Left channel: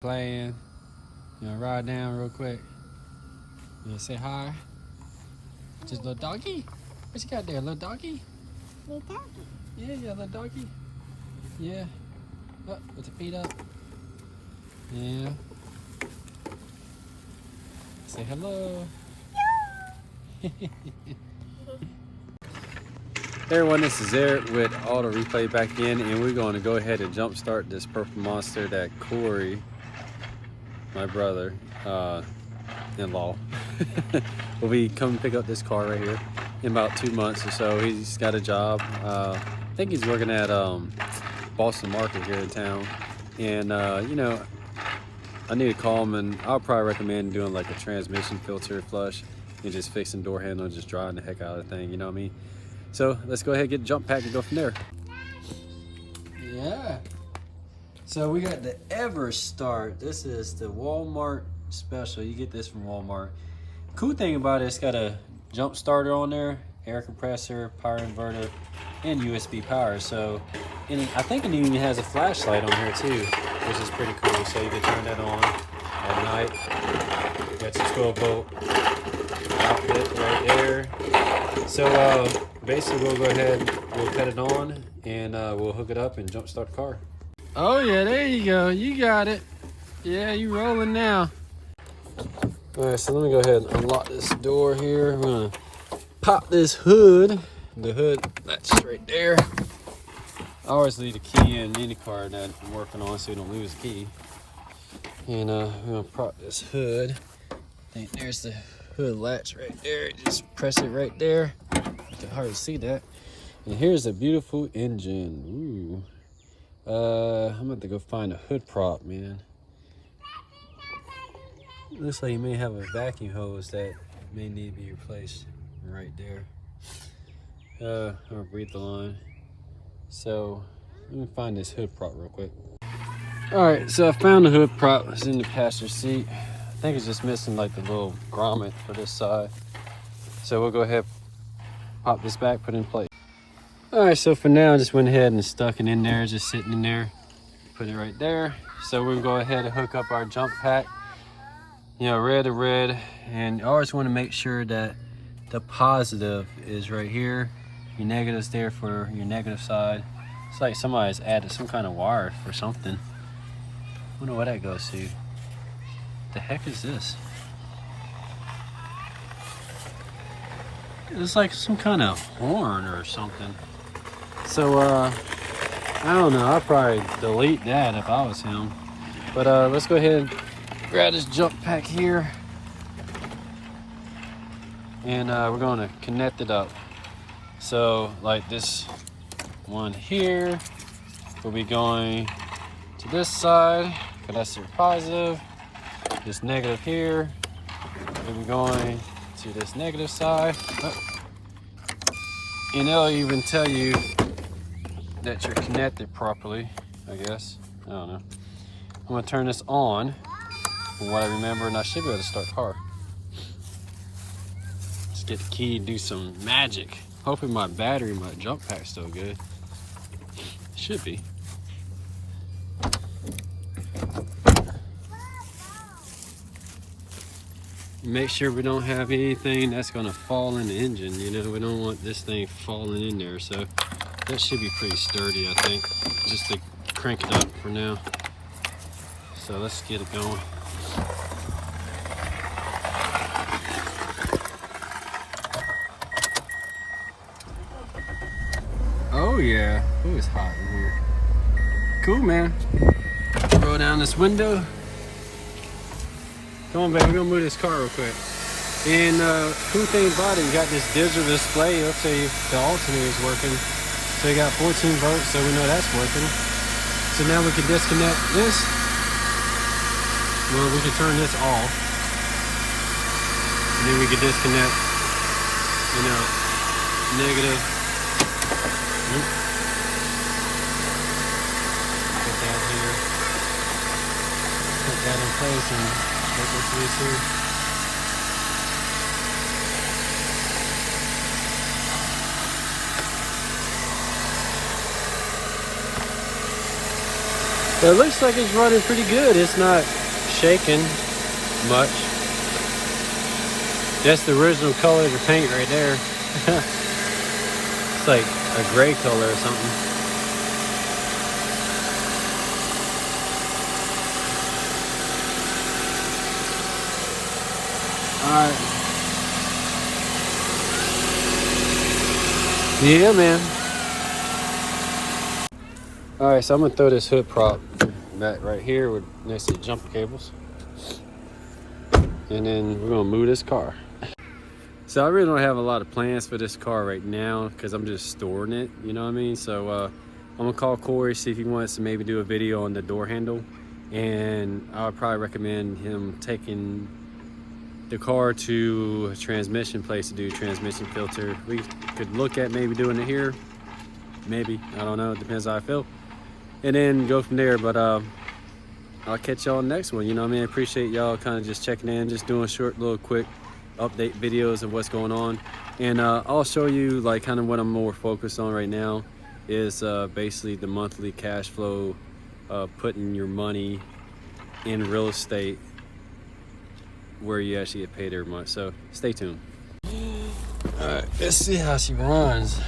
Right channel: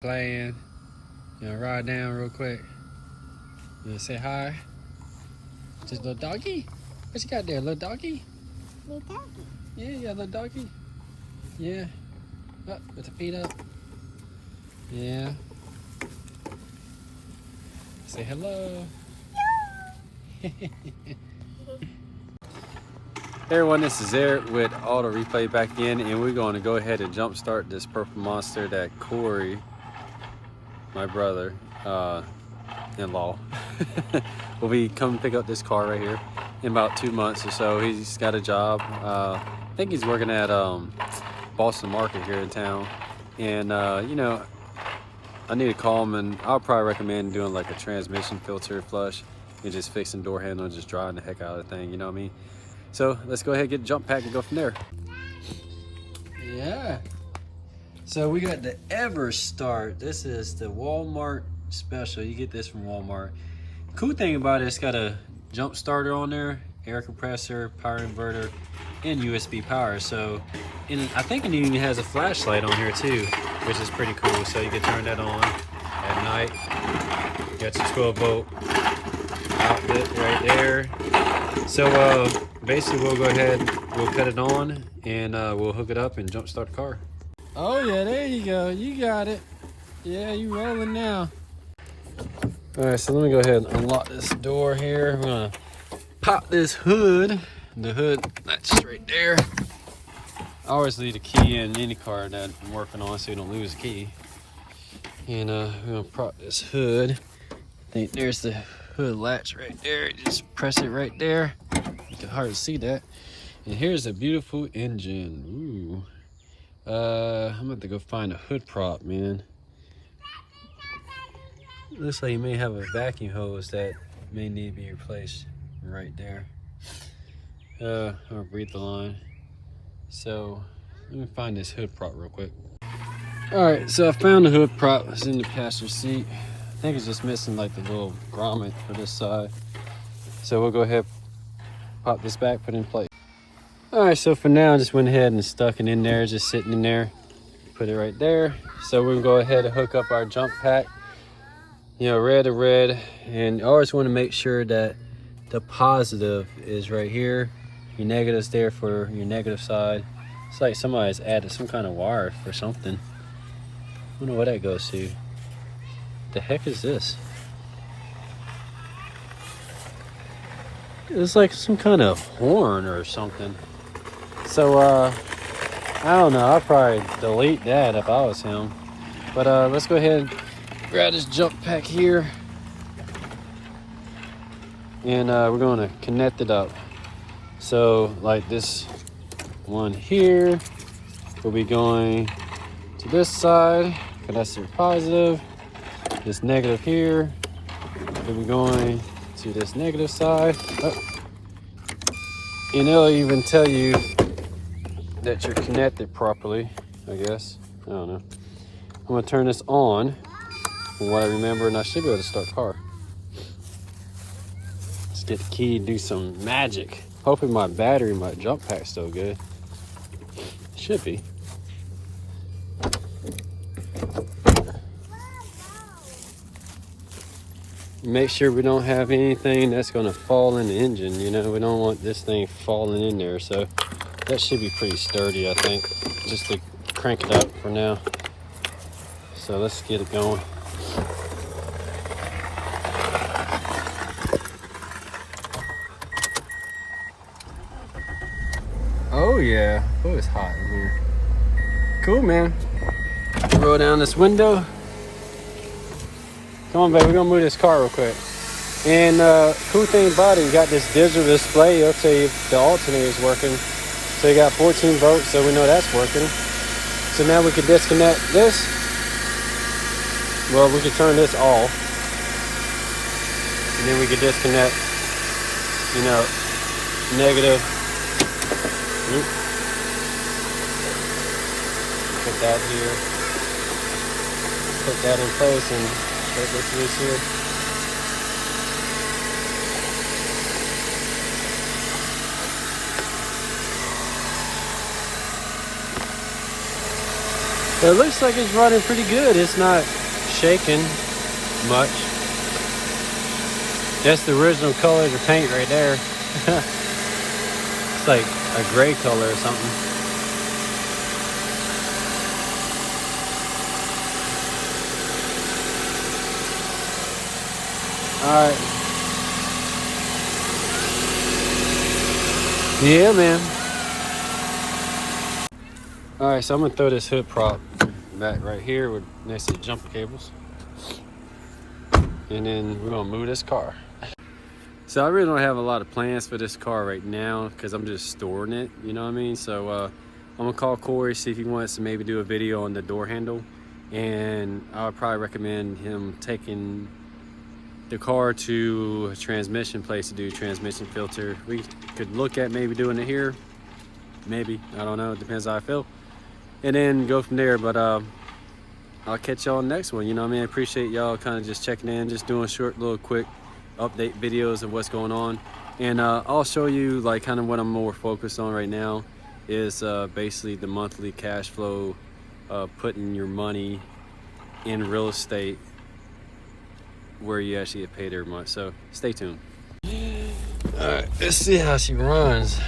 Playing, ride down real quick. Say hi. Just little doggy. What you got there, little doggy? Little doggy. Yeah, little doggy. Yeah. Up with the feet up. Yeah. Say hello. Hey everyone, this is Eric with Auto Replay back in, and we're going to go ahead and jump start this purple monster that Corey, my brother in law, will be coming pick up this car right here in about 2 months or so. He's got a job. I think he's working at Boston Market here in town, and I need to call him, and I'll probably recommend doing like a transmission filter flush and just fixing door handle and just driving the heck out of the thing, you know what I mean? So let's go ahead and get the jump pack and go from there. Yeah. So we got the EverStart. This is the Walmart special. You get this from Walmart. Cool thing about it, it's got a jump starter on there, air compressor, power inverter, and USB power. So, I think it even has a flashlight on here too, which is pretty cool. So you can turn that on at night. You got your 12-volt outlet right there. So basically we'll go ahead, we'll cut it on, and we'll hook it up and jump start the car. Oh yeah, there you go, you got it. Yeah, you rolling now. All right, so let me go ahead and unlock this door here. I'm gonna pop this hood. The hood, that's right there. I always leave the key in any car that I'm working on so you don't lose the key. And we're gonna prop this hood. I think there's the hood latch right there. Just press it right there. It's hard to see that. And here's a beautiful engine. Ooh. I'm gonna have to go find a hood prop, man. Looks like you may have a vacuum hose that may need to be replaced right there. I'll breathe the line. So let me find this hood prop real quick. All right, so I found the hood prop. It's in the passenger seat. I think it's just missing like the little grommet for this side. So we'll go ahead, pop this back, put it in place. All right, so for now, I just went ahead and stuck it in there, just sitting in there. Put it right there. So we're gonna go ahead and hook up our jump pack. Red to red. And I always wanna make sure that the positive is right here. Your negative's there for your negative side. It's like somebody's added some kind of wire for something. I wonder what that goes to. The heck is this? It's like some kind of horn or something. So I don't know, I'll probably delete that if I was him. But let's go ahead and grab this jump pack here, and we're going to connect it up. So like this one here will be going to this side, because that's their positive. This negative here will be going to this negative side. Oh. And it'll even tell you that you're connected properly, I guess. I don't know. I'm gonna turn this on from what I remember, and I should be able to start the car. Let's get the key and do some magic. Hoping my battery, my jump pack's still good. Should be. Make sure we don't have anything that's gonna fall in the engine. We don't want this thing falling in there. So that should be pretty sturdy, I think, just to crank it up for now. So let's get it going. Oh yeah, oh, it's hot in here. Cool, man. Roll down this window. Come on, baby, we're gonna move this car real quick. And cool thing about it, you got this digital display. Let's say if the alternator is working. So you got 14 volts, so we know that's working. So now we can disconnect this. Well, we can turn this off. And then we can disconnect, negative. Put that here. Put that in place and put this loose here. But it looks like it's running pretty good. It's not shaking much. That's the original color of the paint right there. It's like a gray color or something. Alright. Yeah, man. Alright, so I'm gonna throw this hood prop back right here with next to the jumper cables. And then we're gonna move this car. So I really don't have a lot of plans for this car right now because I'm just storing it, you know what I mean? So I'm gonna call Corey, see if he wants to maybe do a video on the door handle. And I would probably recommend him taking the car to a transmission place to do transmission filter. We could look at maybe doing it here. Maybe, I don't know, it depends how I feel. And then go from there, but I'll catch y'all next one, you know what I mean? I appreciate y'all kind of just checking in, just doing short little quick update videos of what's going on. And I'll show you like kind of what I'm more focused on right now is basically the monthly cash flow, putting your money in real estate where you actually get paid every month. So stay tuned. All right, let's see how she runs.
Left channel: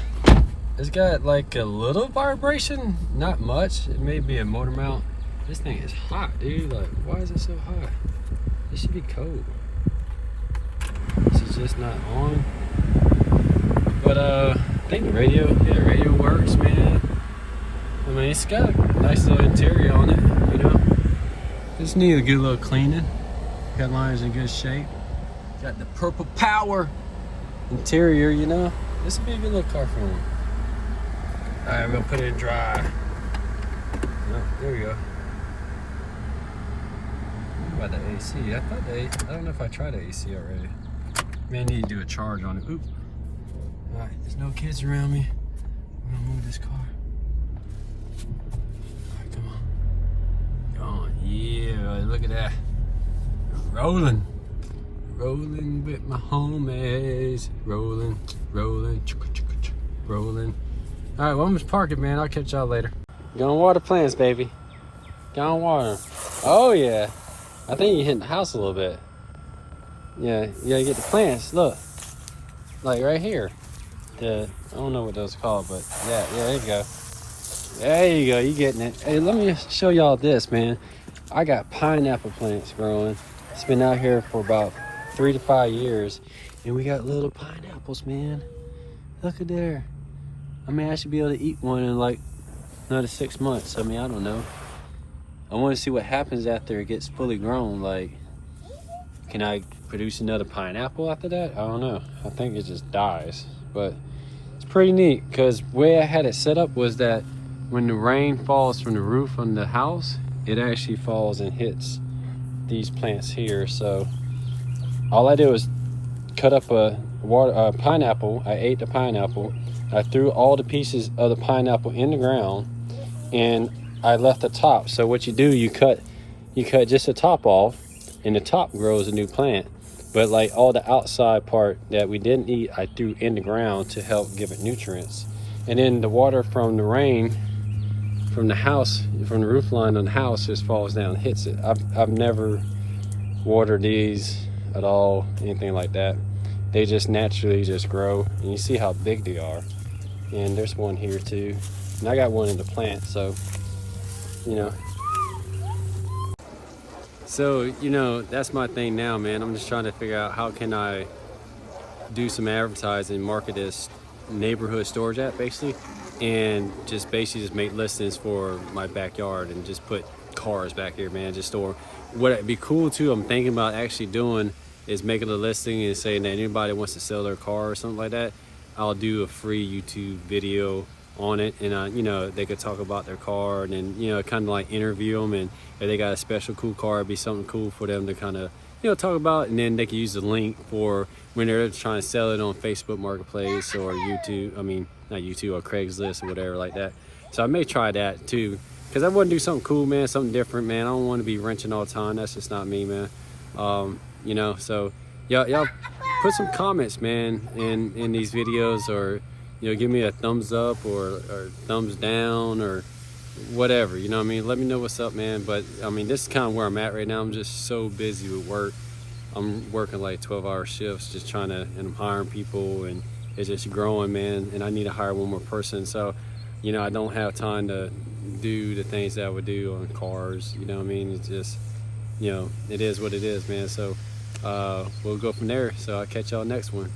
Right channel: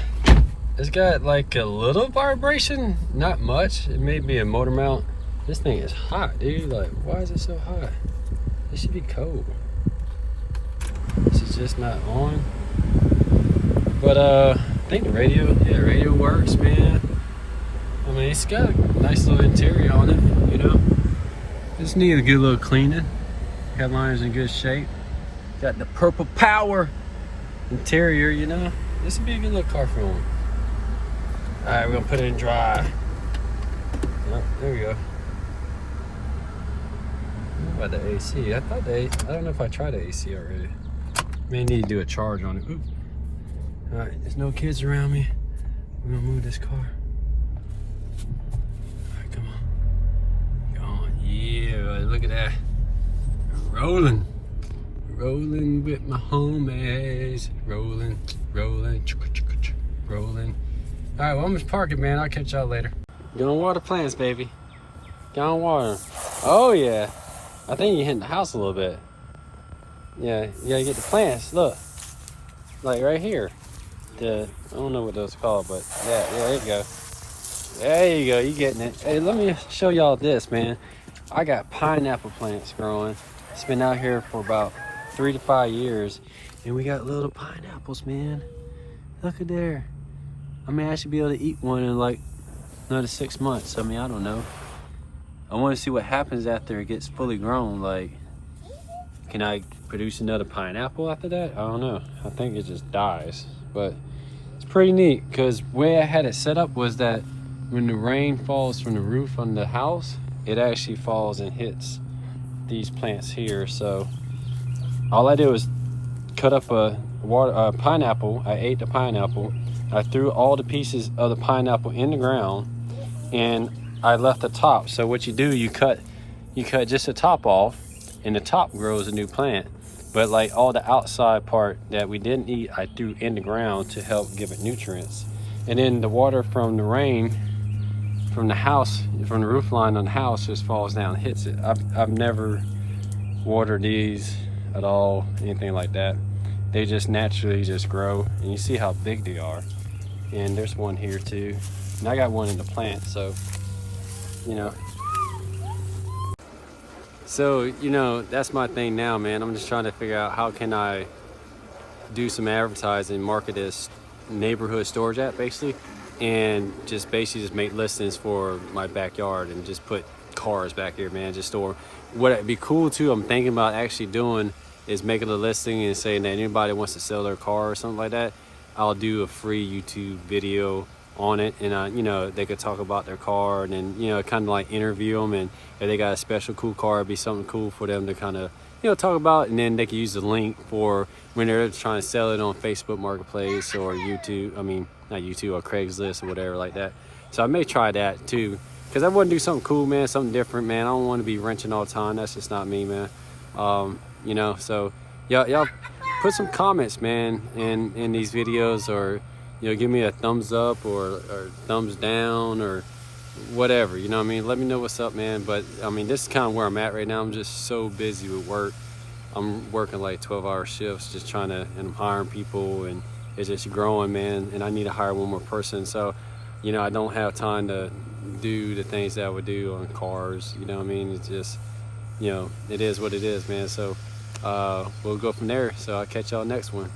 It's got like a little vibration, not much. It may be a motor mount. This thing is hot, dude. Like, why is it so hot? It should be cold. This is just not on. But I think the radio works, man. I mean, it's got a nice little interior on it, you know. Just need a good little cleaning. Headliner's in good shape. Got the purple power interior, you know. This would be a good little car for him. All right, we're gonna put it in dry. Oh, there we go. What about the AC? I don't know if I tried the AC already. May need to do a charge on it. Oop. All right, there's no kids around me. I'm gonna move this car. All right, come on. Come on, yeah, look at that. Rolling with my homies. Rolling. All right, well, I'm just parking, man. I'll catch y'all later. Go on water plants, baby. Go on water. Oh, yeah. I think you're hitting the house a little bit. Yeah, you gotta get the plants. Look. Like right here. I don't know what those are called, but yeah, there you go. There you go. You getting it. Hey, let me show y'all this, man. I got pineapple plants growing. It's been out here for about 3 to 5 years. And we got little pineapples, man. Look at there. I mean, I should be able to eat one in like another 6 months. I mean, I don't know. I want to see what happens after it gets fully grown. Like, can I produce another pineapple after that? I don't know. I think it just dies. But it's pretty neat because the way I had it set up was that when the rain falls from the roof on the house, it actually falls and hits these plants here. So all I did was cut up a pineapple. I ate the pineapple. I threw all the pieces of the pineapple in the ground and I left the top. So what you do, you cut just the top off and the top grows a new plant. But like all the outside part that we didn't eat, I threw in the ground to help give it nutrients. And then the water from the rain, from the house, from the roof line on the house just falls down and hits it. I've never watered these at all, anything like that. They just naturally just grow and you see how big they are. And there's one here too. And I got one in the plant, so, you know. So, you know, that's my thing now, man. I'm just trying to figure out how can I do some advertising, market this neighborhood storage app basically, and just basically just make listings for my backyard and just put cars back here, man, just store. What'd be cool too, I'm thinking about actually doing is making a listing and saying that anybody wants to sell their car or something like that, I'll do a free YouTube video on it, and you know, they could talk about their car and then, you know, kind of like interview them, and if they got a special cool car, it'd be something cool for them to kind of, you know, talk about, and then they can use the link for when they're trying to sell it on Facebook Marketplace or YouTube, I mean, not YouTube, or Craigslist or whatever like that. So I may try that too, because I want to do something cool, man, something different, man. I don't want to be wrenching all the time. That's just not me, man. You know, so y'all put some comments, man, in these videos, or, you know, give me a thumbs up or thumbs down, or whatever, you know what I mean? Let me know what's up, man. But I mean, this is kind of where I'm at right now. I'm just so busy with work. I'm working like 12-hour shifts, just trying to, and I'm hiring people, and it's just growing, man. And I need to hire one more person. So, you know, I don't have time to do the things that I would do on cars. You know what I mean? It's just, you know, it is what it is, man. So we'll go from there. So I'll catch y'all next one.